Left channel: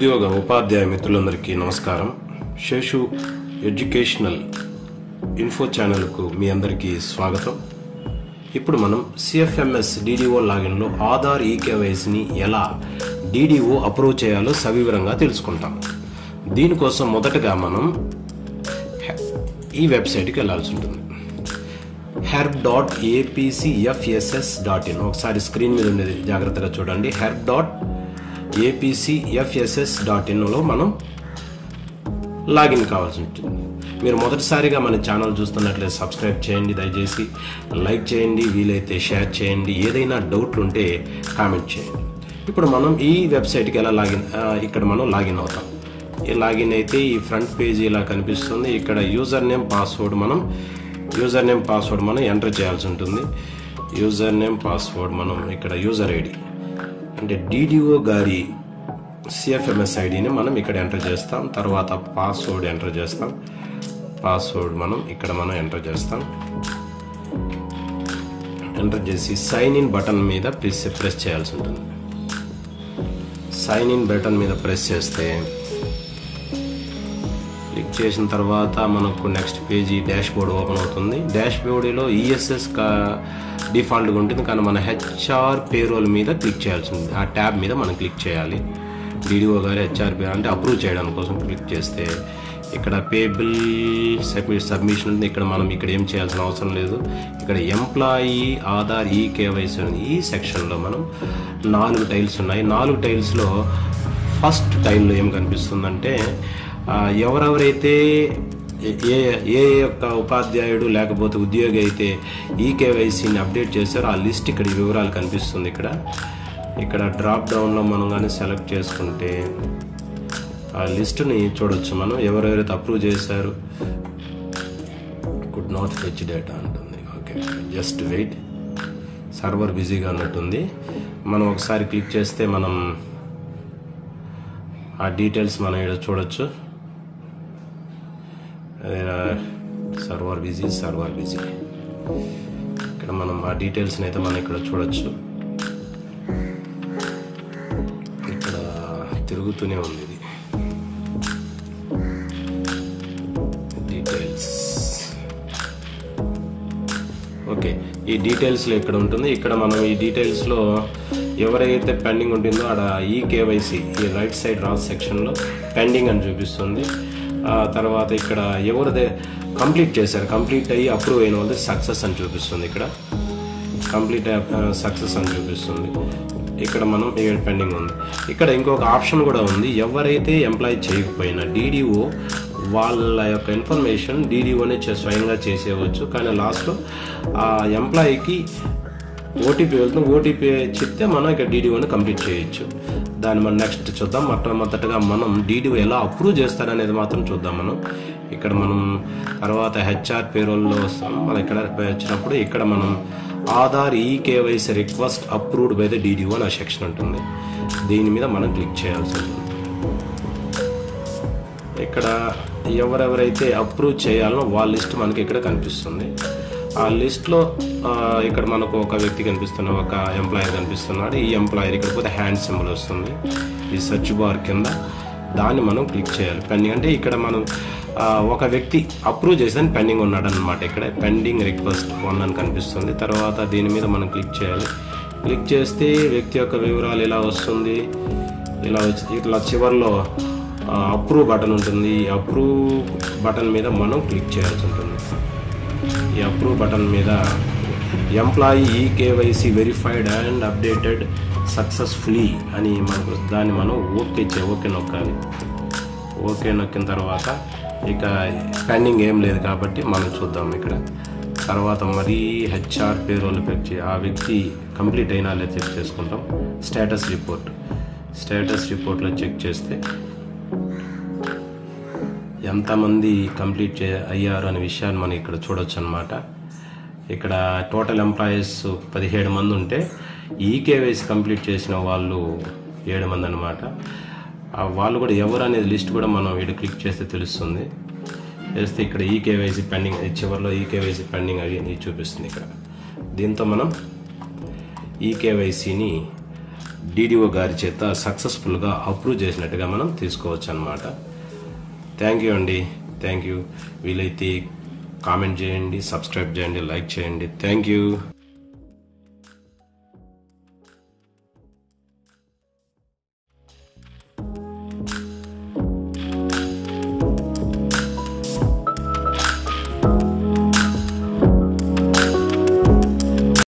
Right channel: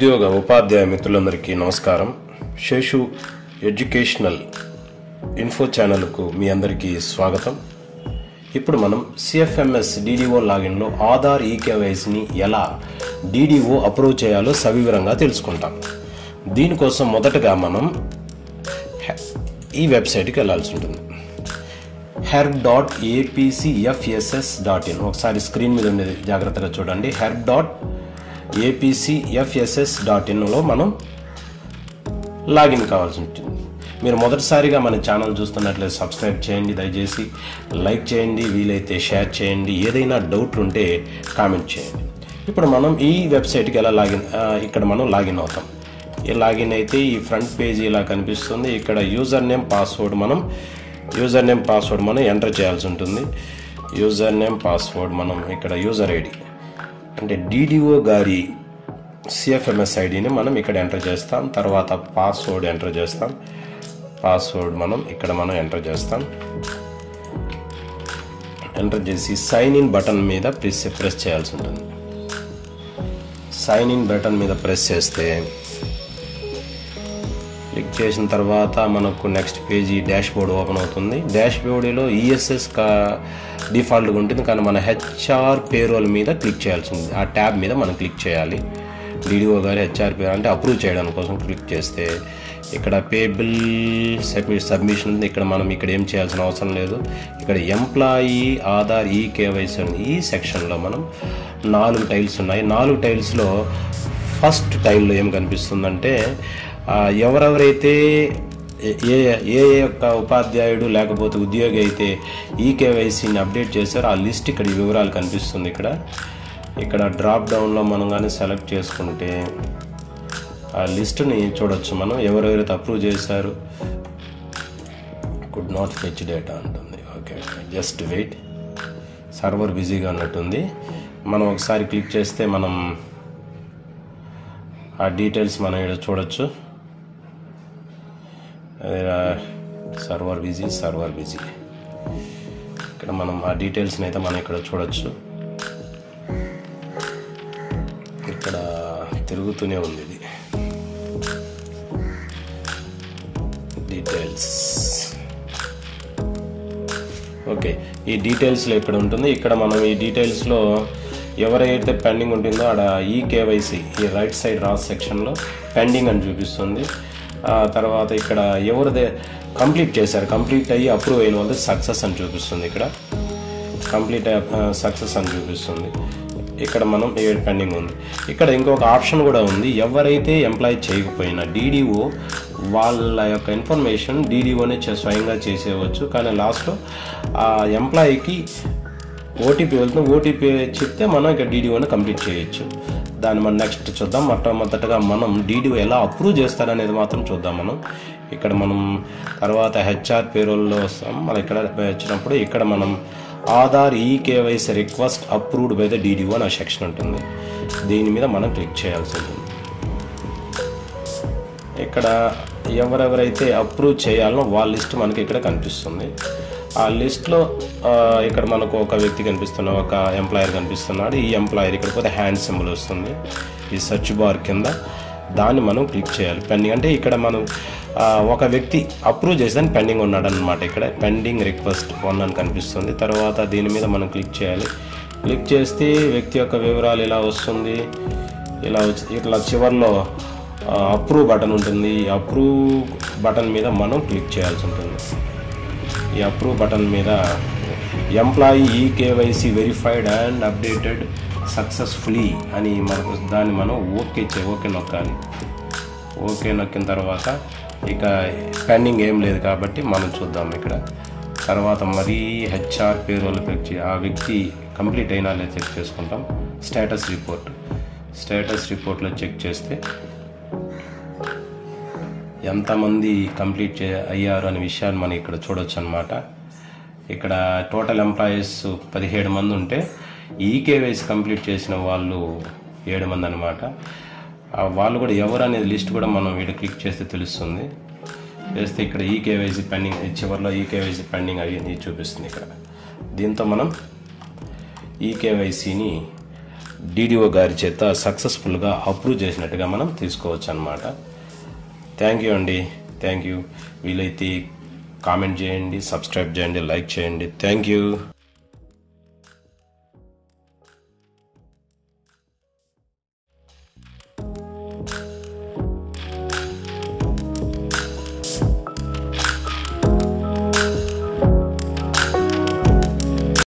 ఉపాధ్యాయ మిత్రులందరికీ నమస్కారం. Seshu educational info ఛానల్కు మీ అందరికీ స్వాగతం. ఇప్పుడు మనం సిఎఫ్ఎంఎస్ డిడిఓ లాగిన్లో ఆధార్ ఈకేవైసీని ఎలా డిడిఓ అప్రూవ్ చేయాలో సవివరంగా తెలుసుకుంటాం. దీనికోసం మొదటగా మనం ఈ వెబ్సైట్కి వెళ్లాల్సి ఉంటుంది. help.apcfss.in. ఒకసారి స్క్రీన్ మీద ఉండేది జాగ్రత్తగా చూడండి. help.apcfss.in లో మనం లాగిన్ కావాల్సి ఉంటుంది. మీరు మొదటిసారిగా మన ఛానల్ చూస్తున్నట్లయితే సబ్స్క్రైబ్ చేయండి, దయచేసి లైక్ చేయండి, వీలైతే షేర్ చేయండి, ఏదైనా డౌట్ ఉంటే కామెంట్ చేయండి. ఇప్పుడు మనం ఈ వెబ్సైట్కి ఎలా ఇక్కడ మనం లాగిన్ అవుతాం. ఈ లాగిన్ అయితే ఈ ఫ్రంట్ పేజీ ఇలా కనిపిస్తుంది. ఇక్కడ యూజర్ నేమ్ పాస్వర్డ్ మనం ఎంటర్ చేయాల్సి ఉంటుంది. యూజర్ నేమ్ పాస్వర్డ్ మనం ఇక్కడ యూజర్ ఐడి అంటే డిడిఓ గారి సిఎఫ్ఎంఎస్ ఐడిని మనం ఇక్కడ ఎంటర్ చేస్తాం. తర్వాత పాస్వర్డ్ ఎంటర్ చేస్తాం. పాస్వర్డ్ మనం ఎంటర్ చేస్తాం. ఎంటర్ చేసి సైన్ ఇన్ బటన్ మీద ప్రెస్ చేయాల్సి ఉంటుంది. సైన్ ఇన్ బటన్ మీద ప్రెస్ చేస్తే క్లిక్ చేసిన తర్వాత మనకు next page dash board open అవుతుంది. డాష్ బోర్డులో ఈఎస్ఎస్ డిఫాల్ట్గా ఉంటుంది, కానీ మన హెచ్ఆర్ పేరోల్ మీద క్లిక్ చేయాల్సి ఉంది. ఆ ట్యాబ్ మీద మనం క్లిక్ చేయాలి. డిడిఓ గారి హెచ్ఆర్ పేరోల్ అంటే అప్రూవ్ చేయడం కోసం క్లిక్ చేస్తే ఇక్కడ పేబుల్ సబ్మిషన్ ఉంది. ఇక్కడ ఏం చేయాల్సిన అవసరం లేదు. ఇక్కడ ఎంప్లాయీ ఆధార్ ఈకేవైసీ ఈ సెక్షన్లో మనం 4 టైల్స్ ఉన్నాయి. 4 టైల్స్లో ఫస్ట్ టైల్లో ఏం కనిపిస్తుందంటే ఎవరెవరైతే ఏ యొక్క ఉపాధ్యాయుడు లేకపోతే ఉద్యోగి అయితే ఈకేవైసీని అప్డేట్ చేశారో ఆ లిస్ట్ ఇక్కడ వివరాలు కనిపిస్తుంది. ఇక్కడ డ్రాప్ డౌన్లో మనం కానీ సెలెక్ట్ చేసుకుంటే ఆ లిస్టుని చూడొచ్చు. మనం ఎవరెవరైతే అప్రూవ్ చేశారు. కుడ్ నాట్ ఫెచ్ డేటా అంటుంది. ఓకే, జస్ట్ వెయిట్, సర్వర్ బిజీగా ఉన్నట్టుంది. మనం ఒకసారి క్లిక్ చేస్తే మనం ఆ డీటెయిల్స్ మనం ఇక్కడ చూడొచ్చు. సర్వర్ బిజీ ఇక్కడ మనం ఆ డీటెయిల్స్ని అయితే మనం ఇక్కడ చూడొచ్చు. ఇక్కడ తిరుగుతూనే ఉంది ఇది డీటెయిల్స్. ఓకే, ఈ డీటెయిల్స్లో ఇక్కడ ఉంటుంది. ఇక్కడ మనం ఈ డీటెయిల్స్లో ఎవరైతే పెండింగ్ ఉంటుందో ఆడ ఈకేవైసీ ఈ రైట్ సైడ్ రాస్ సెక్షన్లో పెండింగ్ అని చూపిస్తుంది. తర్వాత ఇక్కడ ఎవరిదే కంప్లీట్ చేశారు, కంప్లీట్ అయ్యి అప్రూవ్ అయిన వాళ్ళది సక్సెస్ అని చూపిస్తుంది. ఇక్కడ కంప్లీట్ సక్సెస్ అని చూపిస్తుంది. ఇక్కడ మనం పెండింగ్ ఉంది. ఇక్కడ ఇంకొక ఆప్షన్ కూడా ఉంది. ఎవరైతే ఎంప్లాయ్ చేయకపోయినా డిడిఓ వాళ్ళ యొక్క ఇన్ఫర్మేషన్ డిడిఓనే స్వయంగా చేసేయవచ్చు, కానీ లాస్ట్లో ఆ ఎంప్లాయీకి ఓటీపీ వెళ్తుంది. ఓటీపీ చెప్తే మనం ఇక్కడ డిడిఓని కంప్లీట్ చేయొచ్చు. దాన్ని మనం నెక్స్ట్ చూద్దాం. మొట్టమొదటిగా మనం డిడిఓ ఎలా అప్రూవ్ చేస్తారనేది మాత్రం చూద్దాం. ఇక్కడ మనం తర్వాత హెచ్ఆర్ పేరోల్లో వస్తాం. మనం ఇక్కడ వచ్చినప్పుడు ఇక్కడ మనం Aadhaar eKYC request approved by the DDO అనే సెక్షన్ ఉంటుంది. దీని మీద మనం క్లిక్ చేయాల్సి ఉంటుంది. ఇక్కడ ఎవరెవరైతే అప్రూవ్ చేయాలనో వాళ్ళ లిస్ట్ మనకి ఇక్కడ కనిపిస్తుంది. ఆ లిస్ట్లో ఇక్కడ మనకు ఒక వ్యక్తి కనిపిస్తున్నాడు, ఒక ఎంప్లాయర్ కనిపిస్తున్నాడు. ఈ ఎంప్లాయర్ ఇక్కడ పోతే హ్యాండ్ సింబల్ వస్తుంది ఈ సెర్చ్ బార్ కింద. దాన్ని మనం క్లిక్ చేయాలి. పెండింగ్ అంటే ఇక్కడ మనం ఒక వ్యక్తి అప్రూవ్ చేసేదని పెండింగ్ ఉన్నాడు అనమాట. ఇక్కడ పెండింగ్ రిక్వెస్ట్ 1 అని కనిపిస్తుంది. తర్వాత దీని మీద మనం క్లిక్ చేయాలి. క్లిక్ చేస్తే వ్యక్తి యొక్క వివరాలు ఇలా వస్తుంది. ఇట్లా చివరిలో అప్రూవ్ బటన్ ఉంటుంది. ఈ అప్రూవ్ బటన్ మీద మనం క్లిక్ చేయాల్సి ఉంటుంది. ఈ అప్రూవ్ బటన్ మీద employee eKYC verified and updated successfully అని మనకు దాన్ని మనం ఓకే నొక్కాలి. ఓకే నొక్కిన తర్వాత ఇక పెండింగ్ ఏం లేదు కాబట్టి మనం చూద్దాం. ఇక్కడ తర్వాత మరీ హెచ్ఆర్ పేరోల్ పెట్టి ఆ వ్యక్తి కంప్లీట్ అయినా లేదా చెక్ చేసుకుంటాం. స్టేటస్ రిపోర్ట్లో చెక్ చేస్తే ఎంతమంది కంప్లీట్ అయ్యారు అనే విషయాన్ని మనం ఇక్కడ చూడొచ్చు అనమాట. ఇక్కడ టోటల్ ఎంప్లాయీస్ 17 మంది ఉంటే ఈకేవైసీ కంప్లీట్ చేసిన వాళ్ళు 7 మంది అనమాట. వాళ్ళు కూడా ఎవరు అనేది లిస్ట్ కూడా మనం ఇక్కడ క్లిక్ చేస్తే తెలుస్తుంది. చేస్తే ఇక్కడ ఈకేవైసీ పెండింగ్ చివరిలో ఈకేవైసీ పెండింగ్ అది చూపిస్తుంది. ఇక్కడ దీంతో మనం ఈకేవైసీని డిడిఓ గారి చేత సక్సెస్ఫుల్గా అప్రూవ్ చేసినట్టుగా మనం తీసుకోవచ్చు అన్నమాట. థ్యాంక్ యూ అండి, థ్యాంక్ యూ. వీలైతే కామెంట్ చేయండి, సబ్స్క్రైబ్ చేయండి, లైక్ చేయండి. Thank you.